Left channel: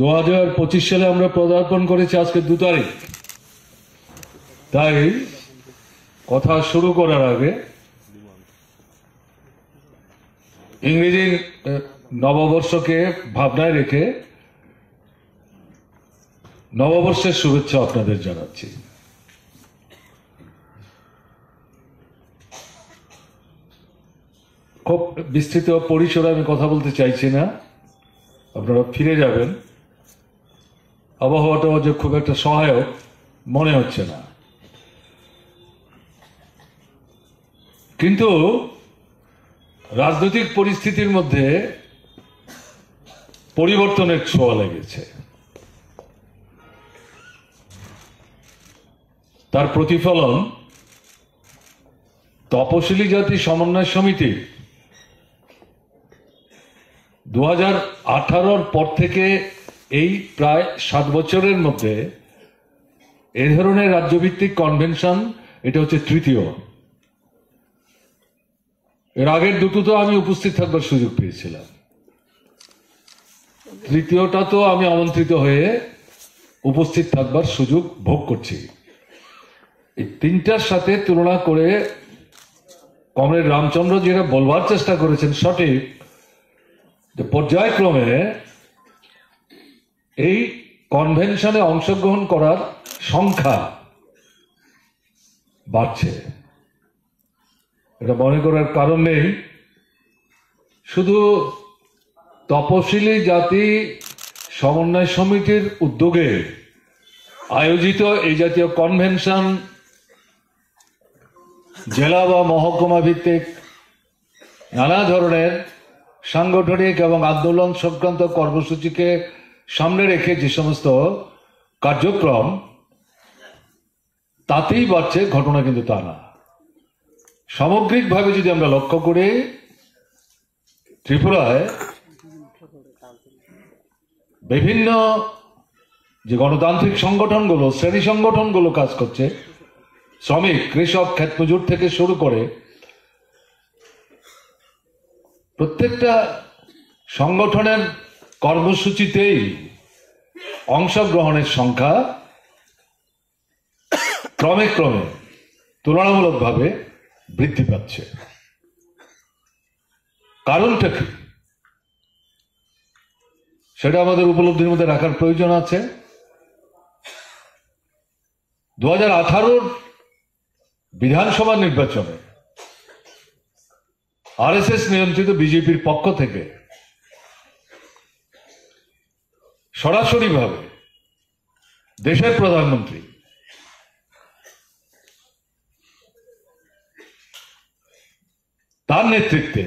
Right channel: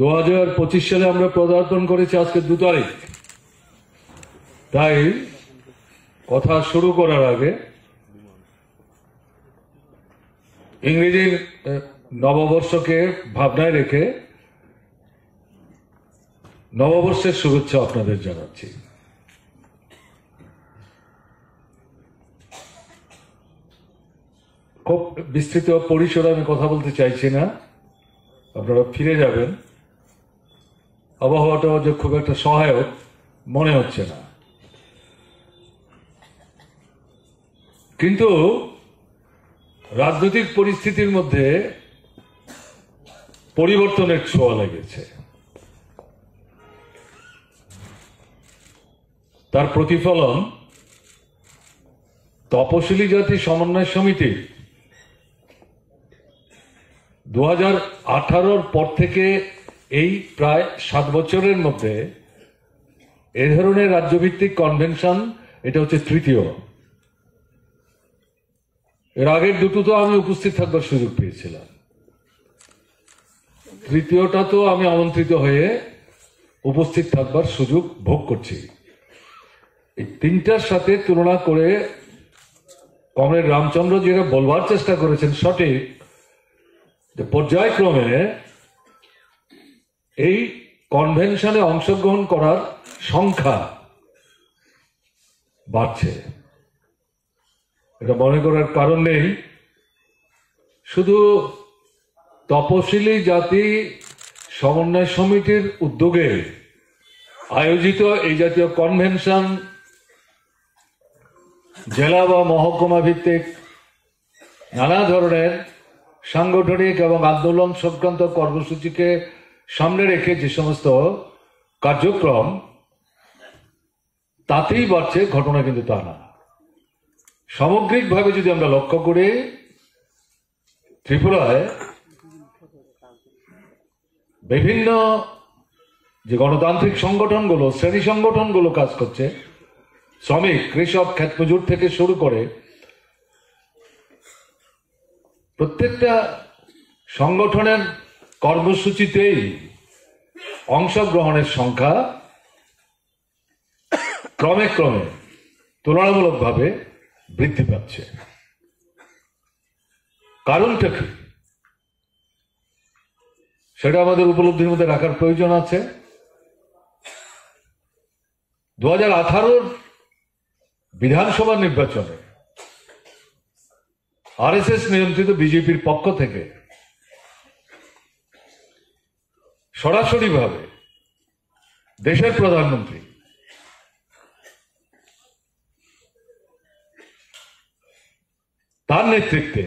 2025 সালে আমরা পদার্পণ করেছি আজকে 2 তারিখ। তাই কথা শুরু করার আগে ইংরেজি নববর্ষকে ভাবনায় রেখে নববর্ষের শুভেচ্ছা আপনাদের জানাচ্ছি। খুব বিস্তৃত পরিসরে আমি কথা বলতে চাইছি না, আপনারা ফিরে যাবেন। আবহাওয়াটা যে খুব একটা সহায়ক মনে হচ্ছে না, কিন্তু রাজনৈতিক পরিস্থিতির মধ্যে পরিবর্তনের ছোঁয়া লেগেছে। তার প্রতিফলন তপশিলি জাতি সমন্বয় সমিতি 2018 পর থেকে এই প্রায় 7 বছরের মধ্যে এ ধরনের রাজ্যভিত্তিক কনভেনশন এটা হচ্ছে তৃতীয়। এর আগের দুটো তো আমি উপস্থিত থাকবার সুযোগ পেয়েছিলাম, তৃতীয়টা তো আমি আমন্ত্রিত হয়ে উপস্থিত থাকবার সুযোগ ভোগ করছি। এই তিনটার সাথে তুলনা করে কমরেড রামচন্দ্র যেটা বলবার চেষ্টা করেছেন সঠিক, যে পর্যায়ক্রমে এই কনভেনশনে অংশগ্রহণ করার সংখ্যা বাড়ছে। এটা মনে করার কারণ নেই, শুধু তপশিলি জাতি সমন্বয় সমিতির উদ্যোগে আয়োজিত এই জাতীয় কনভেনশন জেলা বা মহকুমা ভিত্তিক নানা ধরনের সাংগঠনিক এবং আন্দোলন সংক্রান্ত কর্মসূচিকে সামনে রেখে যে সমস্ত কার্যক্রম, তাতেই বাড়ছে ঘটনা কিন্তু তা না। সামগ্রিকভাবে যদি আমরা লক্ষ্য করি, ত্রিপুরায় বিভিন্ন যে গণতান্ত্রিক সংগঠনগুলো, শ্রেণী সংগঠনগুলো কাজ করছে, শ্রমিক, কৃষক, ক্ষেতমজুর থেকে শুরু করে প্রত্যেকটা সংগঠনের কর্মসূচিতেই অংশগ্রহণের সংখ্যা ক্রমে ক্রমে তুলনামূলকভাবে বৃদ্ধি পাচ্ছে। কারণটা কি সেটা আমাদের উপলব্ধির মধ্যে রাখার প্রয়োজন আছে। 2018 বিধানসভা নির্বাচনে আরএসএস নিয়ন্ত্রিত বিজেপির পক্ষ থেকে সরাসরিভাবে দেশের প্রধানমন্ত্রী তার নেতৃত্বে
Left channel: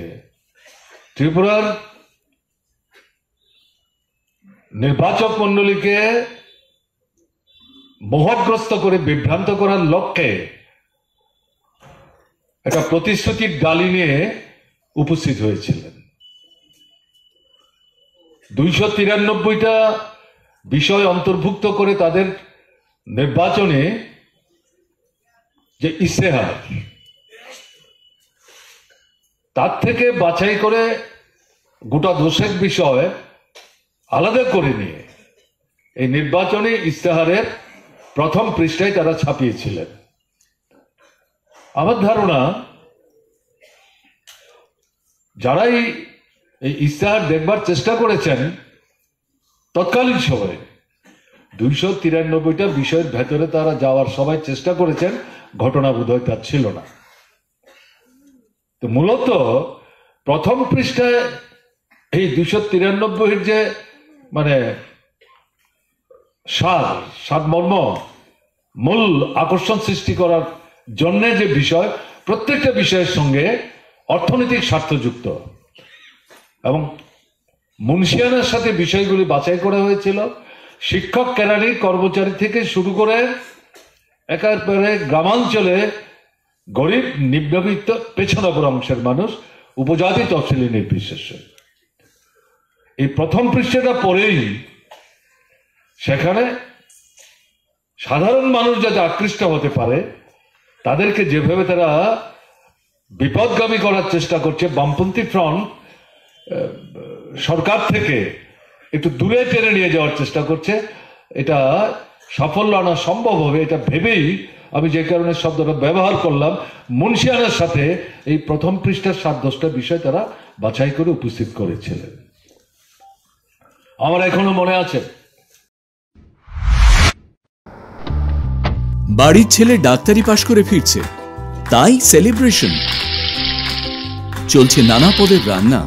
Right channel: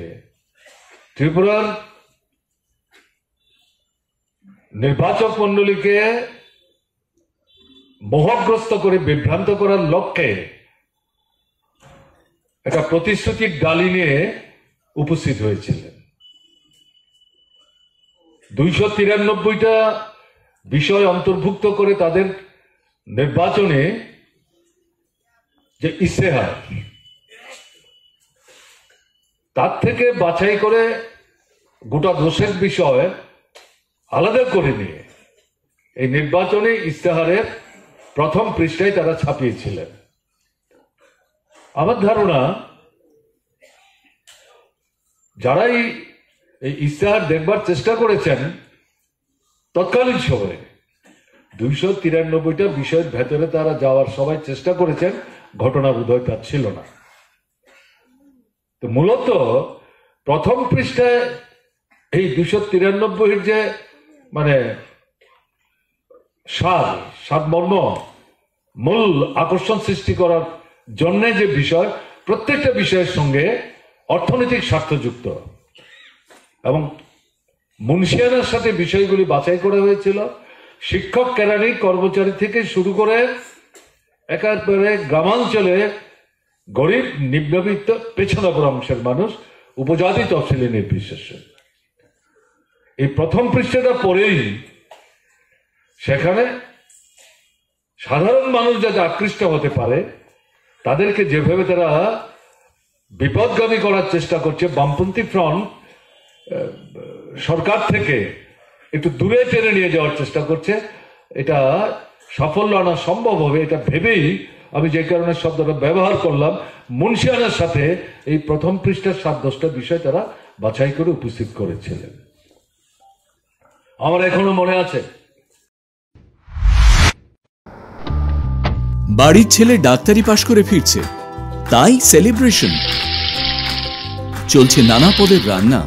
ত্রিপুরার নির্বাচক মন্ডলীকে মোহগ্রস্ত করে বিভ্রান্ত করার লক্ষ্যে একটা প্রতিশ্রুতির গালি নিয়ে উপস্থিত হয়েছিলেন। 293টা বিষয় অন্তর্ভুক্ত করে তাদের নির্বাচনে যে ইশতেহার, তার থেকে বাছাই করে গোটা দোষের বিষয় আলাদা করে নিয়ে এই নির্বাচনী ইশতেহারের প্রথম পৃষ্ঠায় তারা ছাপিয়েছিলেন। আমার ধারণা, যারাই এই ইশতেহার দেখবার চেষ্টা করেছেন তৎকালীন সময়ে 293টা বিষয়ের ভেতরে তারা যাওয়ার সবাই চেষ্টা করেছেন, ঘটনা বোধহয় তার ছিল না। তো মূলত প্রথম পৃষ্ঠায় এই 293 যে মানে সারমর্ম, মূল আকর্ষণ সৃষ্টি করার জন্য যে বিষয়, প্রত্যেকটা বিষয়ের সঙ্গে অর্থনৈতিক স্বার্থ যুক্ত এবং মুন্সিয়ানার সাথে বিষয়গুলি বাছাই করা হয়েছিল। শিক্ষক, ক্যাডারি, কর্মচারী থেকে শুরু করে একেবারে গ্রামাঞ্চলে গরিব, নিম্নবিত্ত, পেছনে পড়া অংশের মানুষ, উপজাতি, তফসিলি নির্বিশেষে। এই প্রথম পৃষ্ঠাটা পড়েই সেখানে সাধারণ মানুষ যাতে আকৃষ্ট হতে পারে, তাদেরকে যেভাবে তারা বিপদগামী করার চেষ্টা করছে বামপন্থী ফ্রন্ট সরকার থেকে, একটু দূরে টেনে নিয়ে যাওয়ার চেষ্টা করছে। এটা সাফল্য আনা সম্ভব হবে এটা ভেবেই আমি যে কারণে শব্দটা ব্যবহার করলাম। মুন্সিয়ানের সাথে এই প্রথম পৃষ্ঠার 7-10টা বিষয় তারা বাছাই করে উপস্থিত করেছিলেন। আমার এখনো মনে আছে, বাড়ির ছেলে ডাক্তারি পাশ করে ফিরছে, তাই সেলিব্রেশন চলছে। নানা পদের রান্না,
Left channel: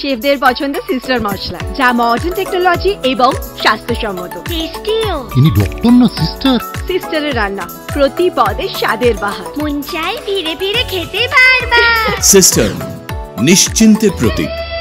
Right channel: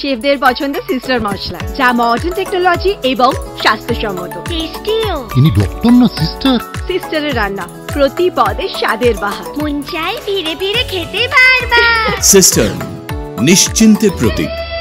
শেফদের পছন্দ সিস্টার মশলা, যা মডার্ন টেকনোলজি এবং স্বাস্থ্যসম্মত। টেস্টিও। ইনি ডক্টর না সিস্টার? সিস্টারের রান্না প্রতি পদে স্বাদের বাহার, মন চাই ফিরে ফিরে খেতে বারবার। সিস্টার নিশ্চিন্তের প্রতীক।